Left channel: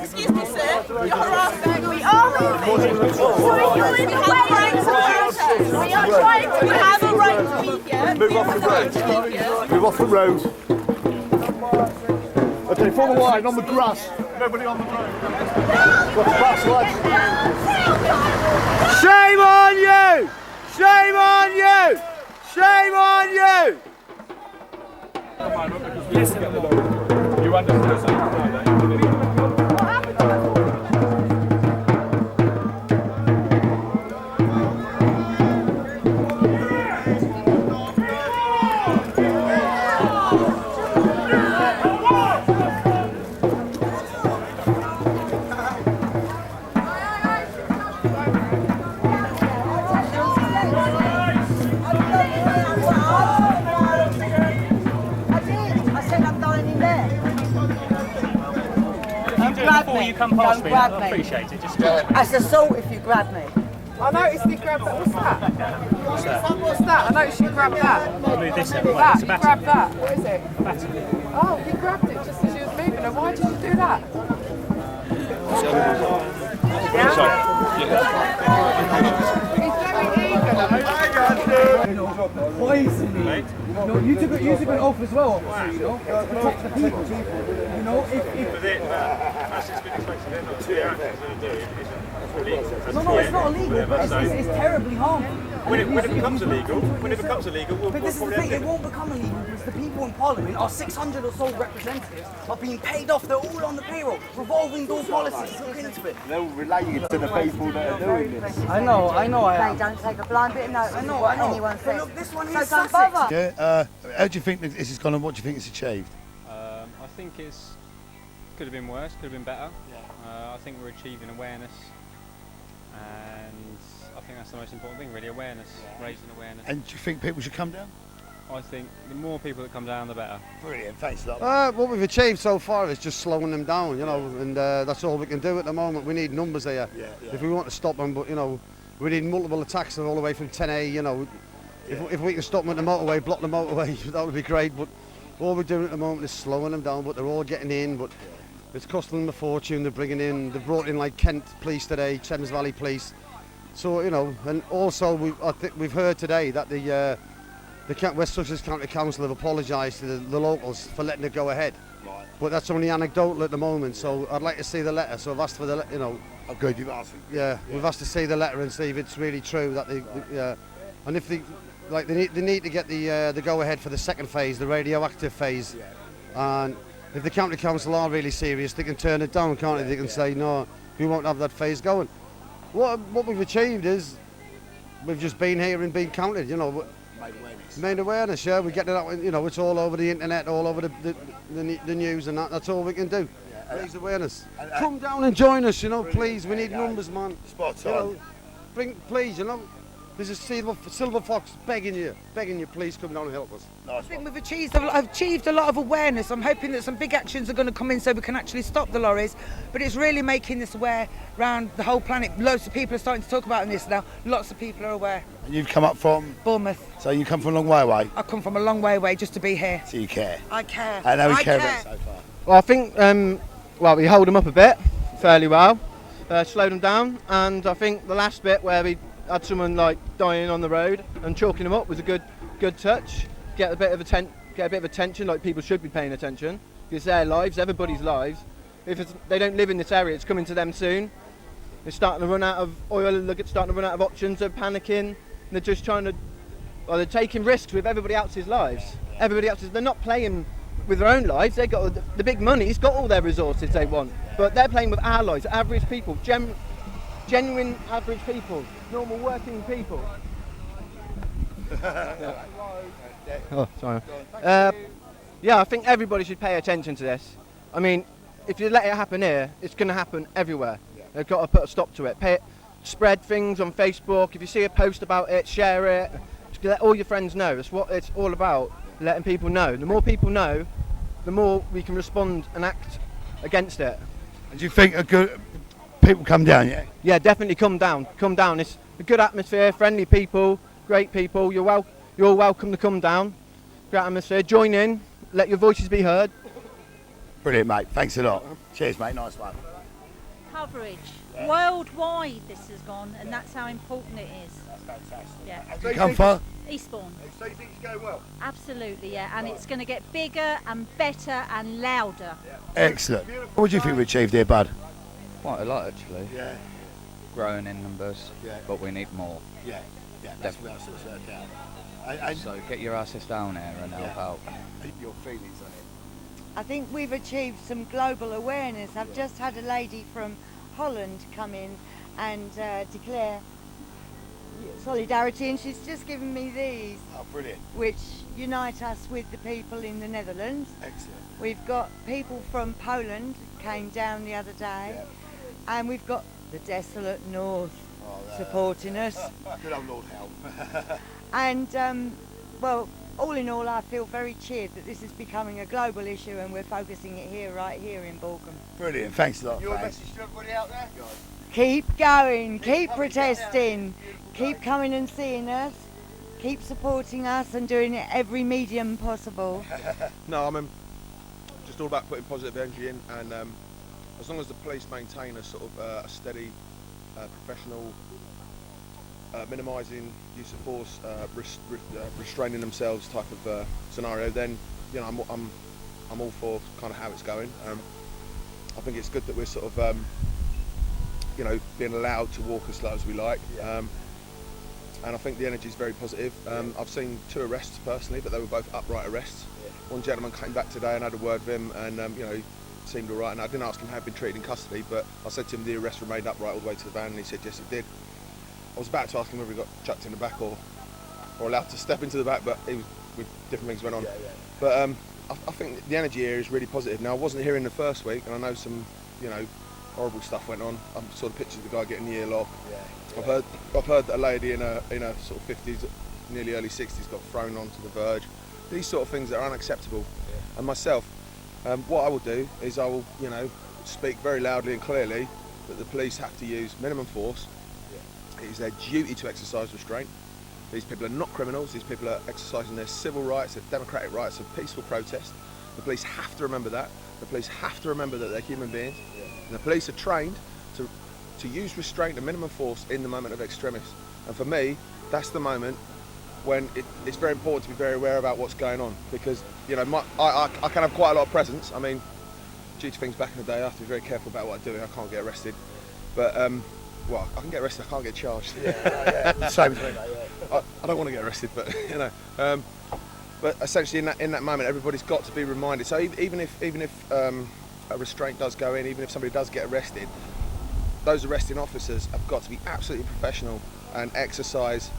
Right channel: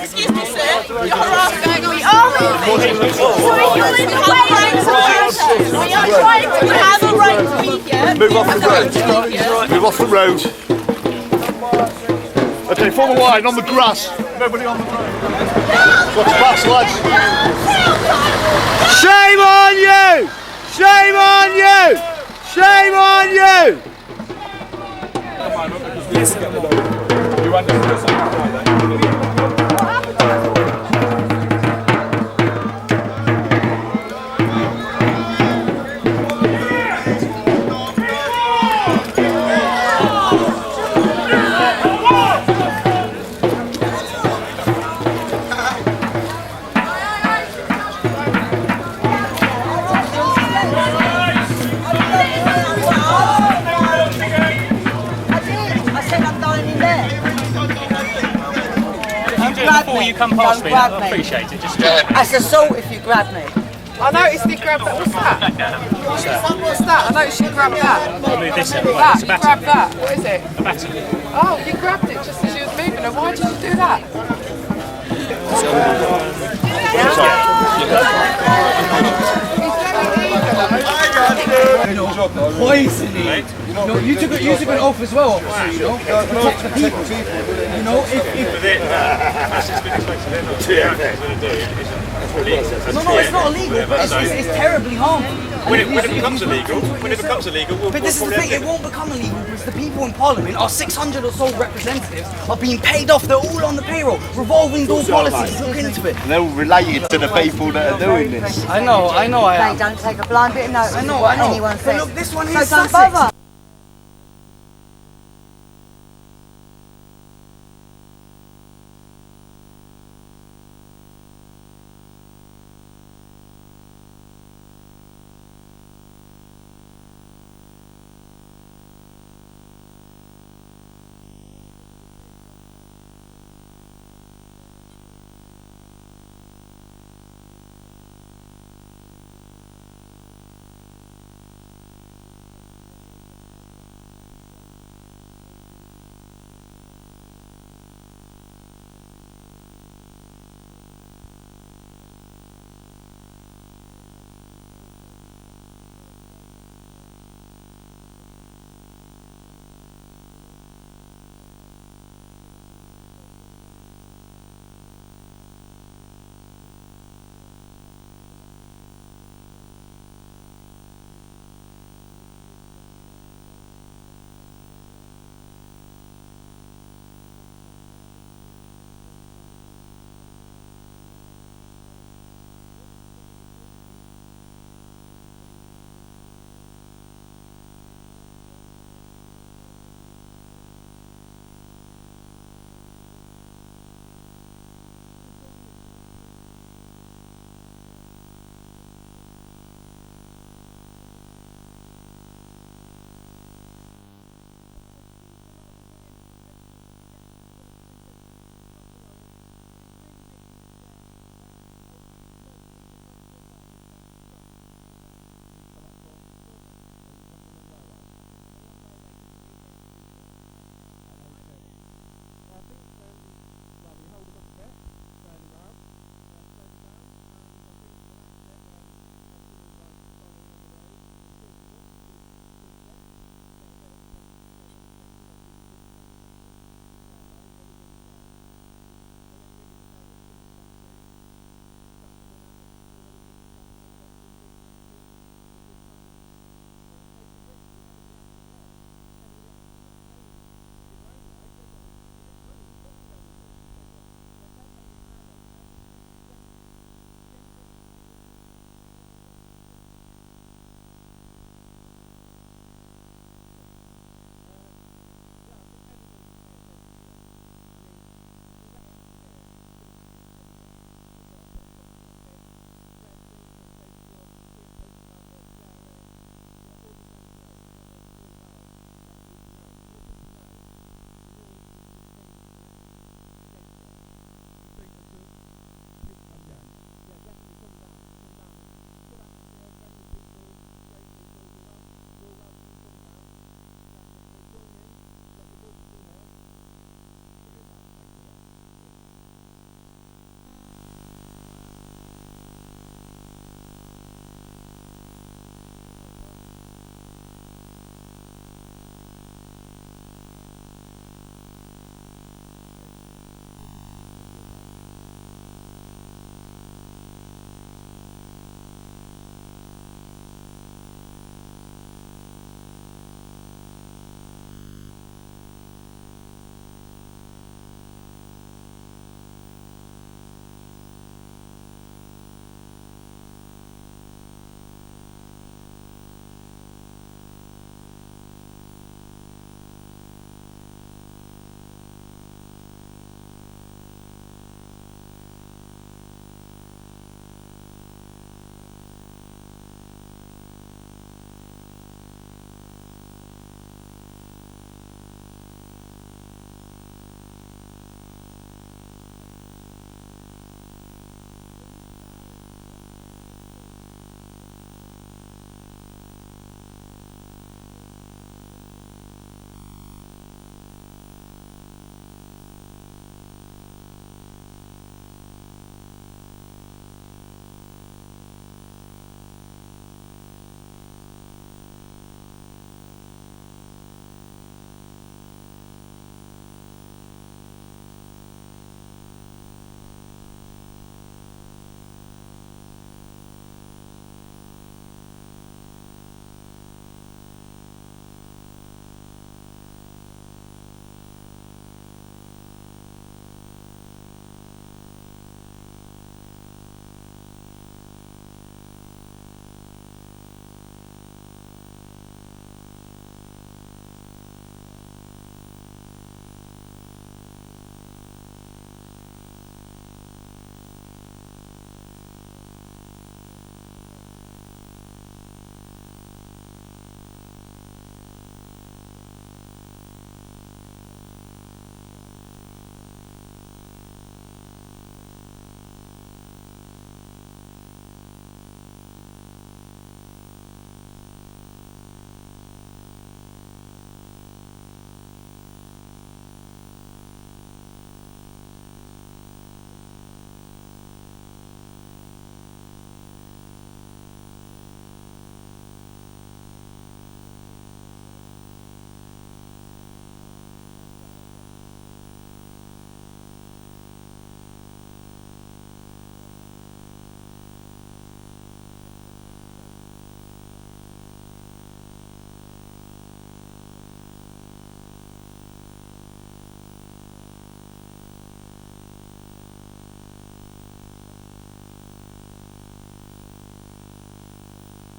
Excuse me, sir. You're harassing. We are moving. Sorry, you're in the way. We are trying to have a right to be here. Move off the road. Move off the road. Okay, form a line on the grass. Nobody on the road. What's fast, lads? Shame on you! Shame on you! Shame on you! You understand? Before you come past me, I appreciate it. Just That's assault if you grab me. I noticed you grabbed that. What's that? What's that? I noticed you grabbed that. I'll move this out. That, It's a you baton. grabbed that. What is it? A baton. Oh, you grabbed it just as you was moving. And why did you do that? Poisoning. No, you took an oath as well, officer, you know, to protect the people. You know, No, it's not illegal, but it's terribly harmful. When it becomes illegal, But this is the thing, it won't become illegal because the people in Parliament, our 600 or so representatives, are being paid off. They're all on the payroll. Revolving door policies, look into it. they're all related to the people that are doing this. I know I am. Don't take a blind bit of notice of what anyone But says. look, this one So is don't Sussex. bother. Yeah, how do you think that this has gone and what do you think it's achieved? I think it could have been worse, could have been better. I think we're achieving awareness, and I think that's the most important thing, really, awareness, raising awareness. And do you think people should come down? I think the more people that come down, the better. Brilliant, thanks a lot. What we've achieved so far is just slowing them down, you know, and that's all we can do at the moment. We need numbers here if we want to stop them, but you know, we need multiple attacks all the way from 10A, you know. If we can stop them at the motorway, block the motorway, that would be great, but all we're doing at the moment is slowing them down, but they're all getting in, but it's costing them a fortune. They're bringing in, they've brought in like Kent Police today, Thames Valley Police, so, you know, and also I think we've heard today that the West Sussex County Council have apologised to the locals for letting it go ahead. Right. But that's only anecdotal at the moment, so I'd like to see the letter. So I've asked for the, you know. Oh, good, you've asked. Yeah, we've asked to see the letter and see if it's really true that they and if they need to get the go ahead for the second phase, the radioactive phase. Yeah. And if the county council are really serious, they can turn it down, can't they? They can say no, we won't have that phase going. What we've achieved is we've just been here and been counted, you know. Made awareness, yeah. We get it out, you know. It's all over the internet, all over the news, and that's all we can do. Raise awareness. Come down and join us, you know, please. We need numbers, man. Spot on. You know, please, you know. There's a silver fox begging you, please come down and help us. I think we've achieved a lot of awareness. I'm hoping that some big actions are going to come in so we can actually stop the lorries. But it's really making this aware around the whole planet. Loads of people are starting to talk about this now. Lots of people are aware. And you've come up from? Bournemouth. So you come from a long way away? I've come from a long way away just to be here. So you care? I care. I know we care about it so far. Well, I think, we hold them up a bit, fairly well, slowed them down, and I think the last bit where we had someone like dying on the road and chalking them up was a good touch. Get a bit of attention, like people should be paying attention. It's their lives, everybody's lives. If they don't live in this area, it's coming to them soon. They're starting to run out of oil, starting to run out of options, they're panicking, they're just they're taking risks with everybody else's lives. They're not playing with their own lives, they've got the big money's got all their resources they want, but they're playing with our lives, average people, genuine average people, normal working people. Oh, sorry. I think everybody should pay attention to this. I mean, if you let it happen here, it's going to happen everywhere. They've got to put a stop to it. Spread things on Facebook. If you see a post about it, share it. Just let all your friends know. That's what it's all about, letting people know. The more people know, the more we can respond and act against it. Do you think people come down, yeah? Yeah, definitely come down. Come down. It's a good atmosphere, friendly people, great people. You're all welcome to come down. Great atmosphere. Join in. Let your voices be heard. Brilliant, mate. Thanks a lot. Cheers, mate. Nice one. Coverage. Worldwide this has gone, and that's how important it is. That's fantastic. Yeah. Have you come far? Eastbourne. So you think it's going well? Absolutely, yeah. And it's going to get bigger and better and louder. Excellent. What do you think we achieved here, bud? Quite a lot, actually. Yeah. Growing in numbers, but we need more. Yeah. Definitely. And So get your asses down here and help out. your feelings on it? I think we've achieved some global awareness. I've just had a lady from Holland come in and declare solidarity, and she's just given me these, Oh, brilliant. which unite us with the people in the Netherlands. Excellent. We've got people from Poland came down the other day, and we've got the desolate north supporting us. Good old Lord help. And well, all in all, I feel very cheered that this is becoming a global issue, and we're focusing it here, right here in Balcombe. Brilliant. Thanks a lot. Your thanks. message to everybody out there? Keep going, keep protesting, keep coming and seeing us, keep supporting us and doing it every medium possible. No, I mean, just all about putting positive energy in, and as long as the police maintain a sort of a steady, professional, minimising use of force, restraining themselves type of scenario, then you know I'm all for kind of how it's going. I think it's good that we're sort of you know, being allowed to walk as slow as we like. And I think the energy is very positive. I've seen 2 arrests personally, but they were both upright arrests. One gentleman came back today and I had a word with him, and you know, he seemed all right. And I didn't ask him how he'd been treated in custody, but I said to him the arrests were made upright all the way to the van, and he said yes, he did. I was about to ask him whether he got chucked in the back or allowed to step into the back, but he was, with different things went on. But I think the energy here is really positive. Now, I wasn't here in the first week, and I know some, you know, horrible stuff went on. I saw the pictures of the guy getting the earlock. I've heard that a lady in a sort of 50s, nearly early 60s, got thrown onto the verge. These sort of things are unacceptable. And myself, what I will do is I will, you know, speak very loudly and clearly that the police have to use minimum force. It is their duty to exercise restraint. These people are not criminals. These people are exercising their civil rights, their democratic rights of peaceful protest. The police have to remember that. The police have to remember that they're human beings. And the police are trained to use restraint and minimum force in the moment of extremis. And for me, that's the moment when it's very important to be very aware about what's going on, because you know I can have quite a lot of presence. I mean, due to things back in the day, I have to be very careful about what I do. I can't get arrested, but well, I can get arrested. I can't get charged. Same. I don't want to get arrested, but you know. But essentially, in that moment, everybody's got to be reminded. So even if a restraint does go in, even if somebody does get arrested, those arresting officers have got to be absolutely professional and exercise,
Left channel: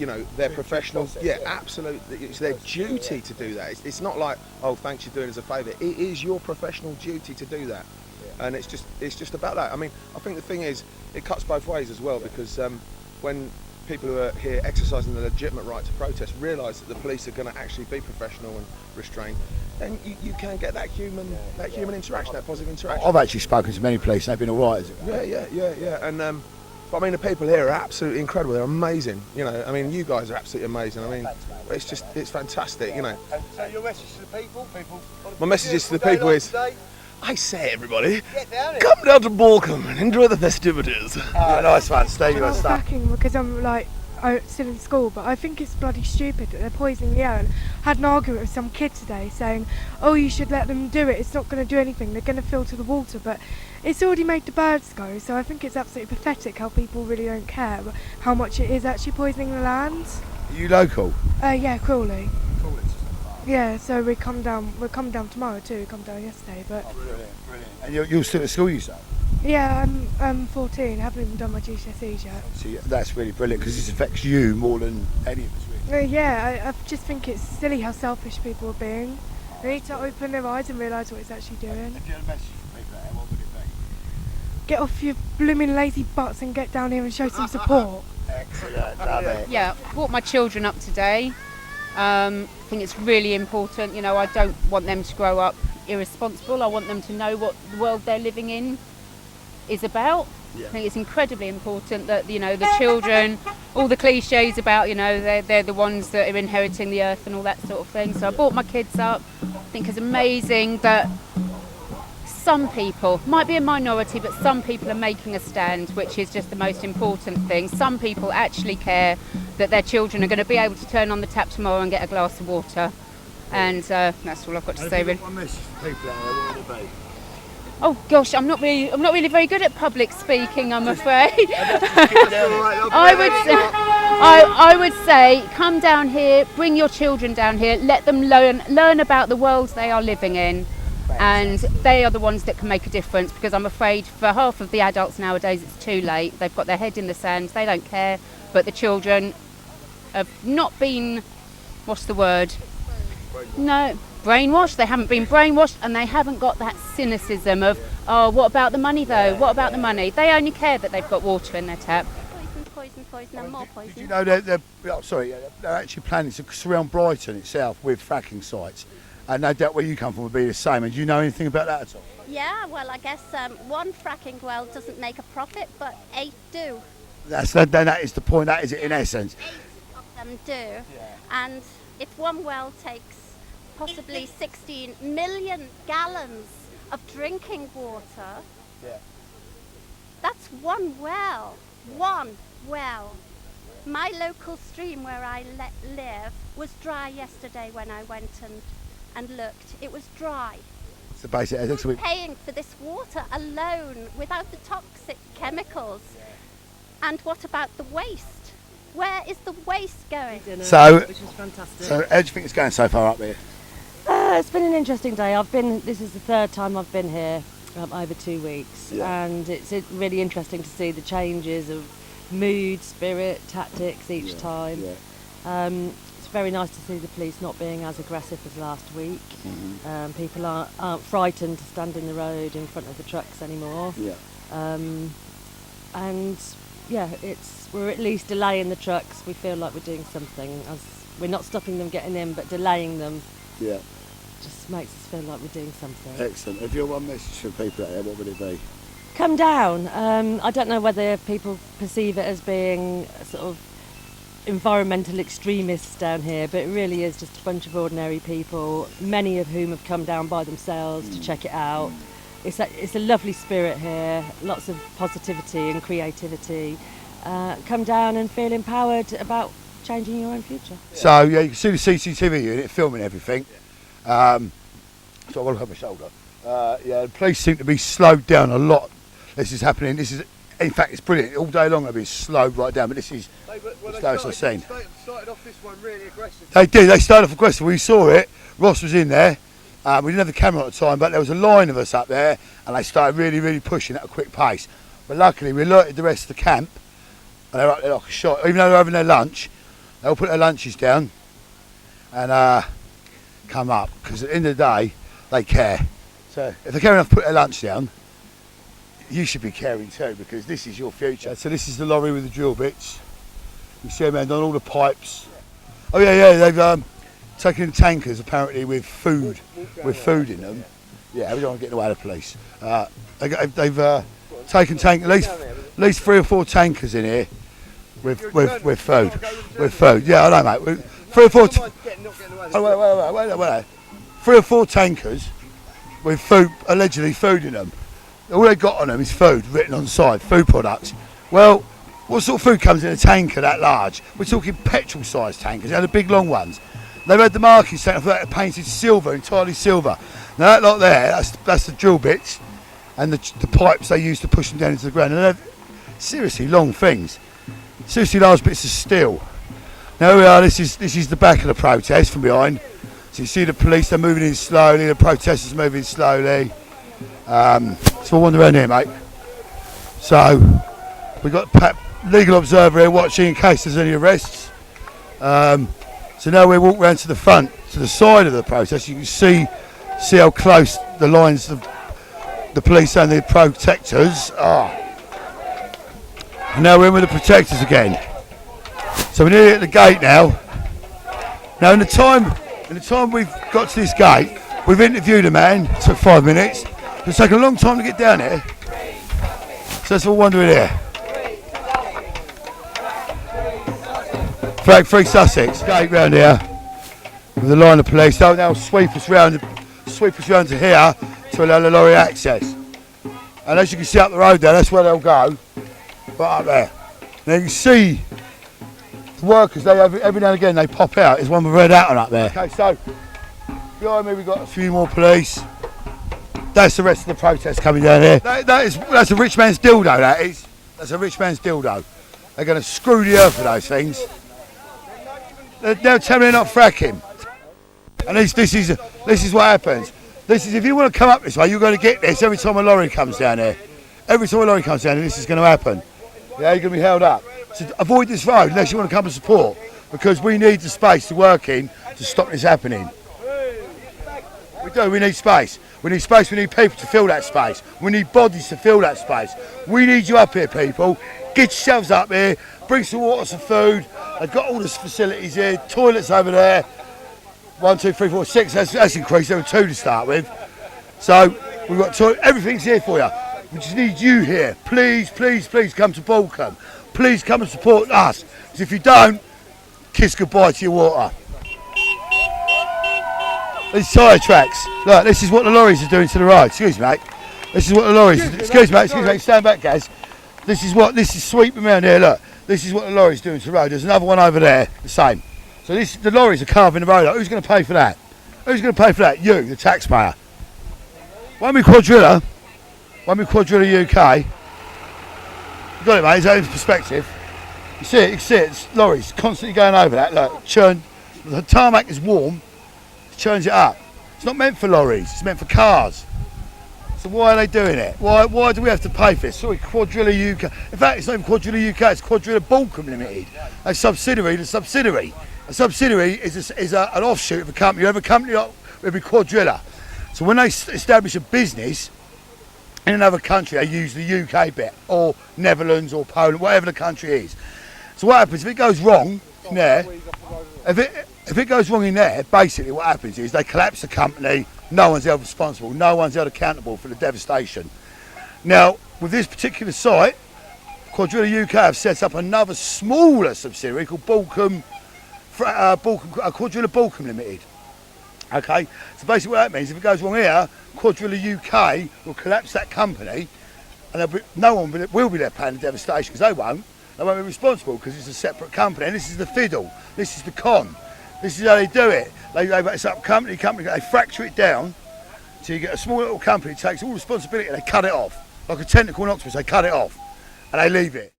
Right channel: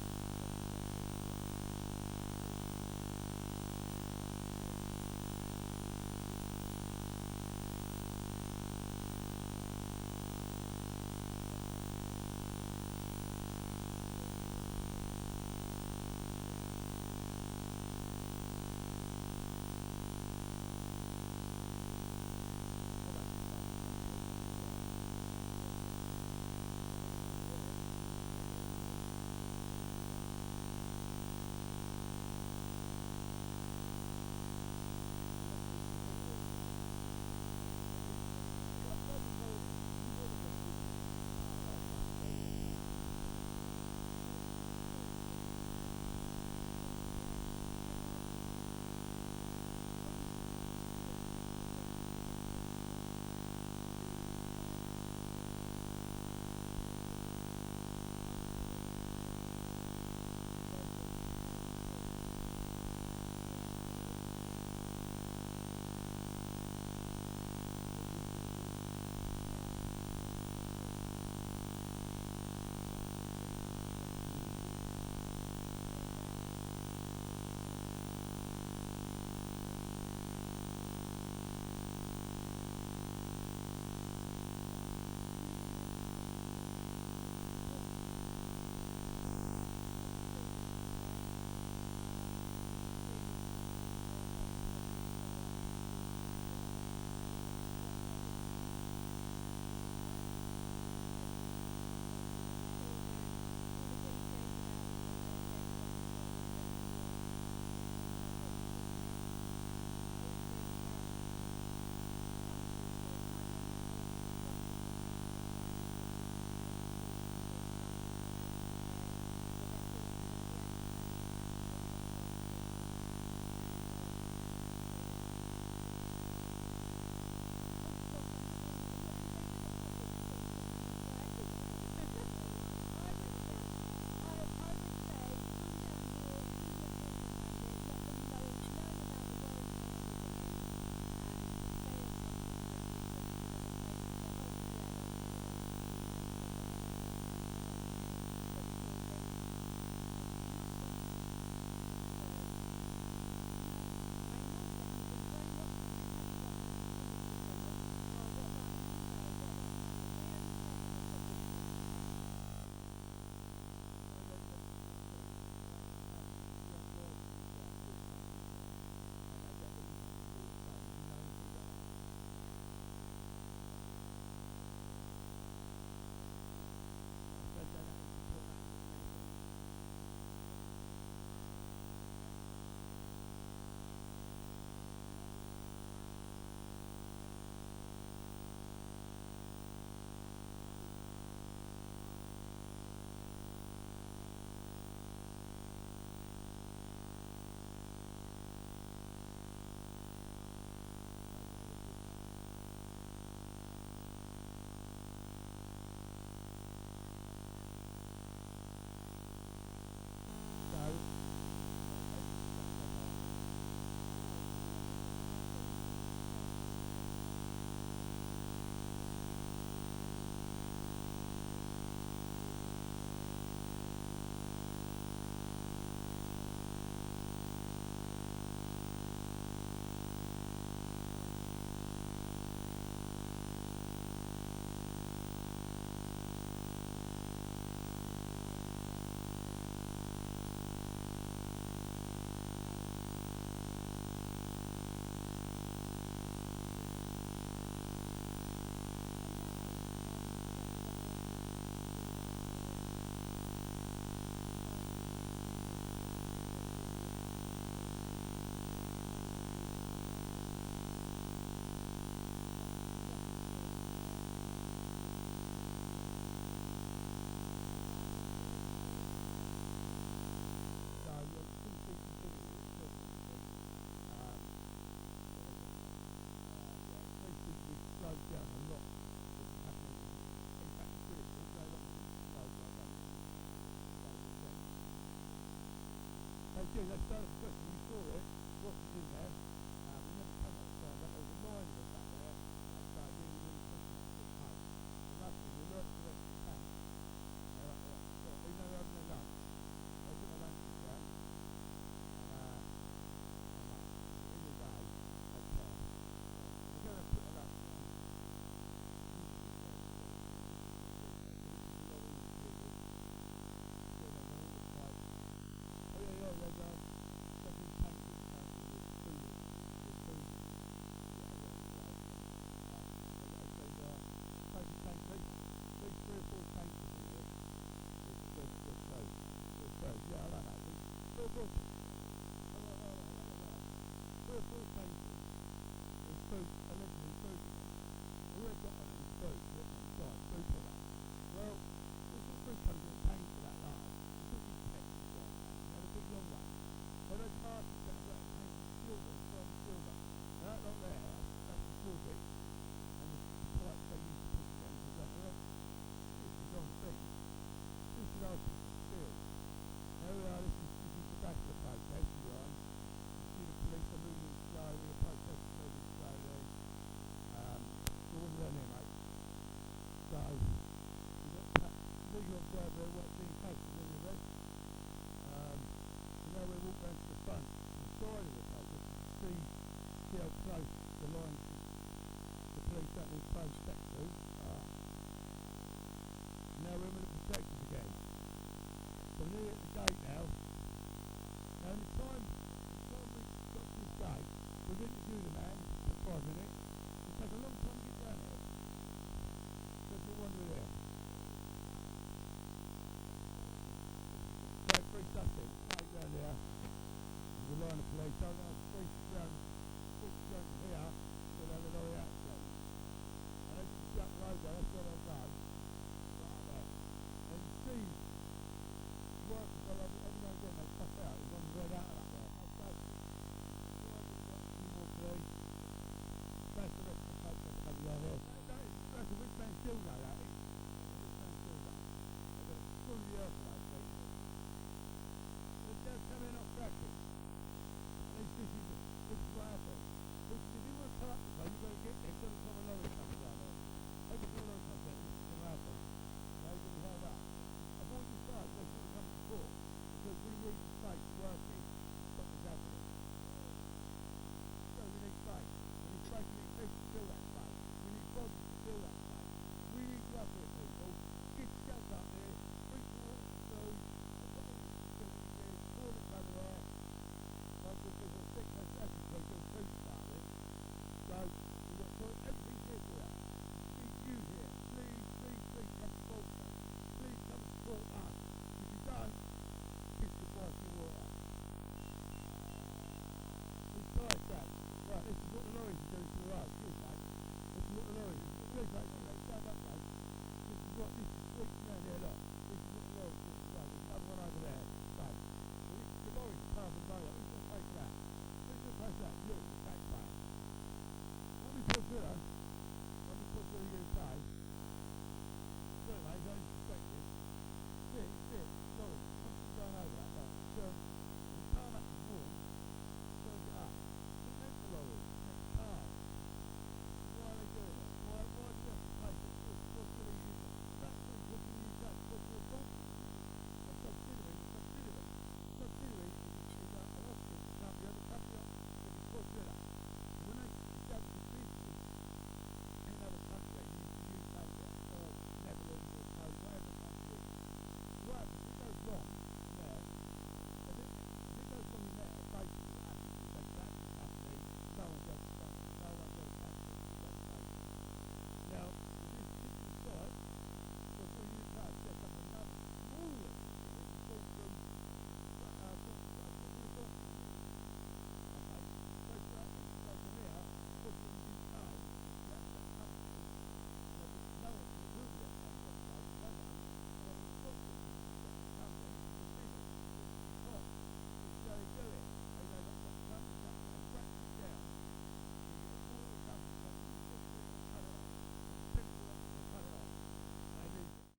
you know, their professional. Yeah, absolutely. It's their duty to do that. It's not like, oh, thanks, you're doing us a favour. It is your professional duty to do that, and it's just about that. I mean, I think the thing is, it cuts both ways as well, because when people who are here exercising the legitimate right to protest realise that the police are going to actually be professional and restrained, then you can get that human interaction, that positive interaction. I've actually spoken to many police and they've been all right. Yeah. And but I mean, the people here are absolutely incredible. They're amazing. You know, I mean, you guys are absolutely amazing. I mean, it's fantastic. You know. So your message to the people? My message is to the people is, I say, everybody, Get down here. come down to Balcombe and enjoy the festivities. Nice one, Steve. You want to start? Fracking because I'm like still in school, but I think it's bloody stupid that they're poisoning the air. And I had an argument with some kid today saying, oh, you should let them do it, it's not going to do anything, they're going to filter the water, but it's already made the birds go, so I think it's absolutely pathetic how people really don't care how much it is actually poisoning the land. Are you local? Yeah, Crawley. Yeah, so we're coming down tomorrow too, we come down yesterday, but... Oh, brilliant. And you're still at school, you say? Yeah, I'm 14, haven't even done my GCSEs yet. See, that's really brilliant, because this affects you more than any of us really. Yeah, I just think it's silly how selfish people are being. They need to open their eyes and realise what it's actually doing. If you had a message for people, what would it be? Get off your blooming lazy butts and get down here and show some support. Excellent, love it. Yeah, brought my children up today. I think it's really important. You know, I don't want them to grow up irresponsible. I want them to know what the world they're living in is about. I think it's incredibly important that, you know, the children, all the cliches about, you know, they're the ones that are inheriting the earth and all that sort of thing. So I brought my kids up. I think it's amazing that some people, might be a minority, but some people are making a stand, which is just the most important thing. Some people actually care that their children are going to be able to turn on the tap tomorrow and get a glass of water. And that's all I've got to say, really. Oh gosh, I'm not really very good at public speaking, I'm afraid. I would say, come down here, bring your children down here, let them learn about the world they are living in, and they are the ones that can make a difference. Because I'm afraid for half of the adults nowadays, it's too late. They've got their head in the sand, they don't care. But the children have not been, what's the word? No, brainwashed. They haven't been brainwashed, and they haven't got that cynicism of, oh, what about the money though? What about the money? They only care that they've got water in their tap. Poison and more poison. Did you know they're actually planning to surround Brighton itself with fracking sites, and no doubt where you come from would be the same. And do you know anything about that at all? Yeah, well, I guess one fracking well doesn't make a profit, but 8 do. That is the point. That is it in essence. 8 of them do, and if one well takes possibly 16 million gallons of drinking water, that's one well. One well. My local stream where I live was dry yesterday when I went and looked. It was dry. It's the basic. Paying for this water alone without the toxic chemicals. And what about the waste? Where is the waste going? So, which is fantastic. So how do you think it's going so far up here? It's been an interesting day. This is the third time I've been here over 2 weeks, and it's really interesting to see the changes of mood, spirit, tactics each time. It's very nice to see the police not being as aggressive as last week. People aren't frightened to stand in the road in front of the trucks anymore. And we're at least delaying the trucks. We feel like we're doing something. We're not stopping them getting in, but delaying them. Just makes us feel like we're doing something. Excellent. If you have one message for people out there, what would it be? Come down. I don't know whether people perceive it as being sort of environmental extremists down here, but it really is just a bunch of ordinary people, many of whom have come down by themselves to check it out. It's a lovely spirit here, lots of positivity and creativity. Come down and feel empowered about changing your own future. So you can see the CCTV unit filming everything. So I've got to look over my shoulder. The police seem to be slowed down a lot. This is happening. In fact, it's brilliant. All day long they've been slowed right down, but this is the slowest I've seen. They started off this one really aggressive. They did. They started off aggressive. We saw it. Ross was in there. We didn't have the camera at the time, but there was a line of us up there, and they started really, really pushing at a quick pace. But luckily, we alerted the rest of the camp, and they were up there like a shot. Even though they were having their lunch, they all put their lunches down and come up, because at the end of the day, they care. So if they're caring enough to put their lunch down, you should be caring too, because this is your future. So this is the lorry with the drill bits. You see them on all the pipes. Oh yeah, they've taken tankers apparently with food in them. Yeah, we don't want to get in the way of the police. They've taken at least 3 or 4 tankers in here with food. With food. Yeah, I know, mate. 3 or 4. Wait. 3 or 4 tankers with food, allegedly food in them. All they got on them is food written on the side, food products. Well, what sort of food comes in a tanker that large? We're talking petrol-sized tankers. They're the big long ones. They've had the markings taken off that, painted silver, entirely silver. Now that lot there, that's the drill bits and the pipes they use to push them down into the ground. And they're seriously long things, seriously large bits of steel. Now here we are. This is the back of the protest from behind. So you see the police, they're moving in slowly. The protesters moving slowly. So we'll wander around here, mate. So we've got legal observer here watching in case there's any arrests. So now we walk round to the front, to the side of the protest. You can see how close the lines of the police and the protectors are. And now we're in with the protectors again. So we're nearly at the gate now. Now in the time we've got to this gate, we've interviewed a man. It took 5 minutes. It's taken a long time to get down here. So that's what we're wondering here. Flag 3 Sussex, gate round here with a line of police. They'll now sweep us round to here to allow the lorry access. And as you can see up the road there, that's where they'll go, right up there. Now you can see the workers, they every now and again they pop out. There's one with red hat on up there. Okay, so behind me we've got a few more police. That's the rest of the protest coming down here. That's a rich man's dildo, that is. That's a rich man's dildo. They're going to screw the earth with those things. They'll tell me they're not fracking. And this is what happens. This is, if you want to come up this way, you're going to get this every time a lorry comes down here. Every time a lorry comes down here, this is going to happen. Yeah, you're going to be held up. So avoid this road unless you want to come and support, because we need the space to work in to stop this happening. We do, we need space. We need space, we need people to fill that space. We need bodies to fill that space. We need you up here, people. Get yourselves up here, bring some water, some food. They've got all the facilities here, toilets over there. 1, 2, 3, 4, 6, that's increased, there were 2 to start with. So, we've got everything's here for you. We just need you here. Please, please, please come to Balcombe. Please come and support us. Because if you don't, kiss goodbye to your water. These tyre tracks. Look, this is what the lorries are doing to the road. Excuse me, mate. This is what the lorries. Excuse me, stand back, guys. This is sweeping around here. Look, this is what the lorries doing to the road. There's another one over there, the same. So the lorries are carving the road up. Who's going to pay for that? Who's going to pay for that? You, the taxpayer. Won't be Quadrilla. Won't be Quadrilla UK. You got it, mate. Is that in perspective? You see it. You can see it. It's lorries constantly going over that. Look, churn. The tarmac is warm. Churns it up. It's not meant for lorries, it's meant for cars. So why are they doing it? Why do we have to pay for this? Sorry, Quadrilla UK. In fact, it's not even Quadrilla UK, it's Quadrilla Balcombe Limited. A subsidiary, the subsidiary. A subsidiary is an offshoot of a company. You have a company, it would be Quadrilla. So when they establish a business in another country, they use the UK bit, or Netherlands, or Poland, whatever the country is. So what happens, if it goes wrong in there, if it goes wrong in there, basically what happens is they collapse the company, no one's held responsible, no one's held accountable for the devastation. Now, with this particular site, Quadrilla UK have set up another smaller subsidiary called Quadrilla Balcombe Limited. Okay, so basically what that means, if it goes wrong here, Quadrilla UK will collapse that company, and no one will be there paying the devastation, because they won't be responsible, because it's a separate company, and this is the fiddle, this is the con. This is how they do it. They set up company, they fracture it down, so you get a small little company, takes all responsibility, and they cut it off. Like a tentacle and octopus, they cut it off, and they leave it.